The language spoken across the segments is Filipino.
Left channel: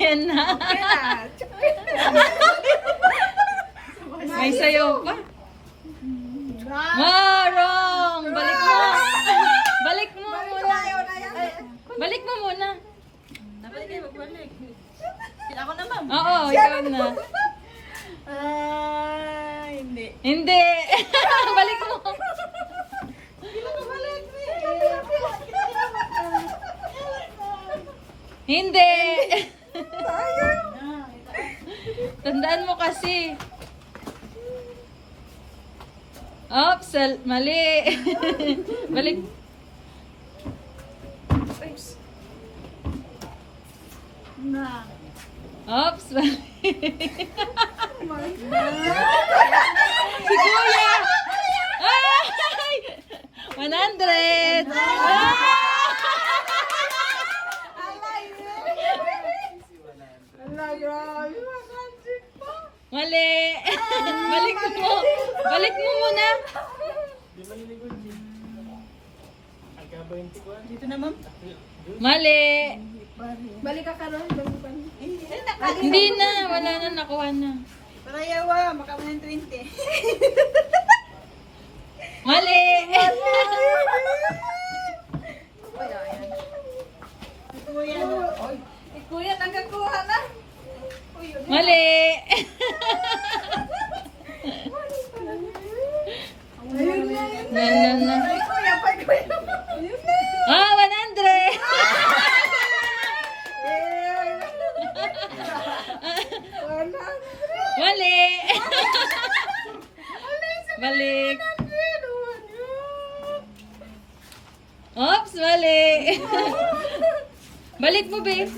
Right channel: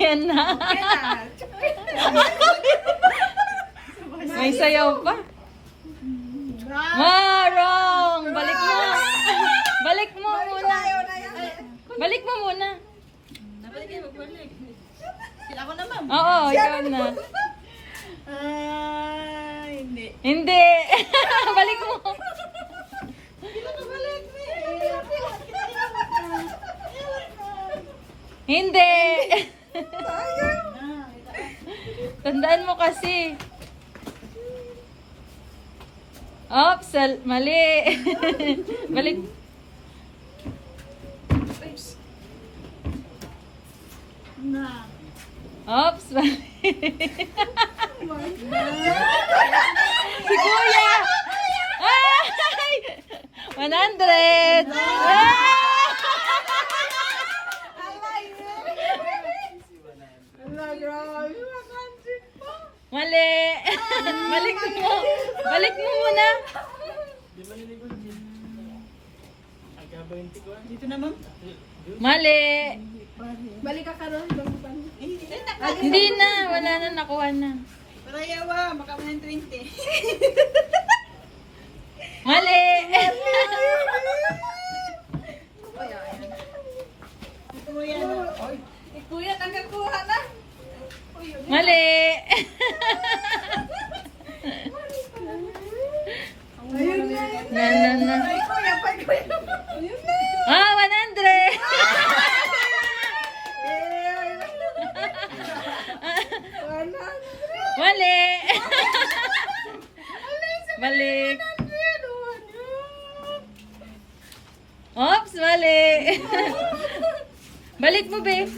Ayan na. Okay na. May sayaw pa. Wrong! Balik mo. Balik mo muna. Ayaw na yan. Balik mo muna. Dapat kayo magbalik. Ako na, ma'am. Oo, ikaw na. Hindi. Hindi. Balik mo. Hindi. Tandaan mo kasi. Oops, mali. Balik. Na. Oops, mali. Si Kuya. Ay! 100. Mali. Balik mo. Balik mo muna. Dito na, ma'am. Mali. Balik ka karon. Hindi na. Wala na. Nakuha na. Para yawa, makaman ng 20. Mali. Kuya, nagkakuha na. Mali. Ayun na. Ganun na. Ay, kuya, pa kuya. Ayun na. Ah, 100. Mali. Balik. Oops, mali. Balik mo, babe.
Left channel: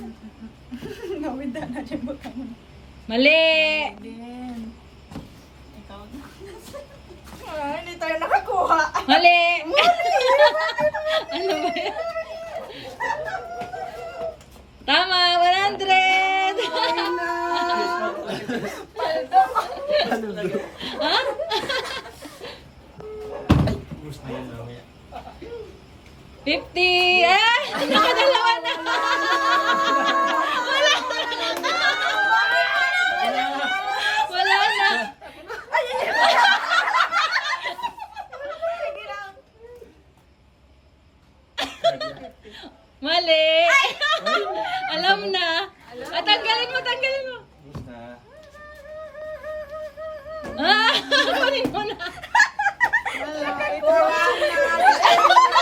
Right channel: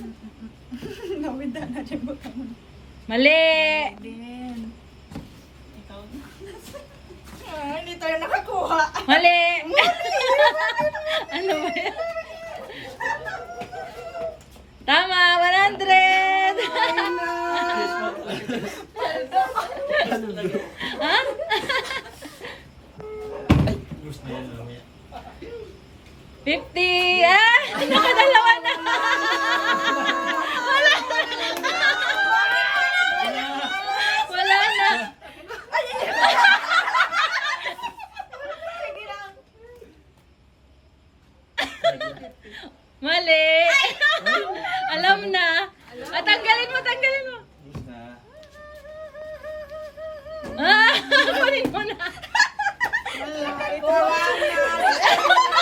Nawinda na dyan mo kamo. Mali. Din. Ikaw na. Hindi tayo nakakuha. Mali. Ano ba yan? Tama, 100. Ha? Gusto niya mamaya. 50. Ah! Dalawa na. Wala na. Mali. Alam na. Ah, tanggalin mo, tanggalin mo. Gusto na. Ah, kunin mo na. Ito lang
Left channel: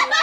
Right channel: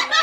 na.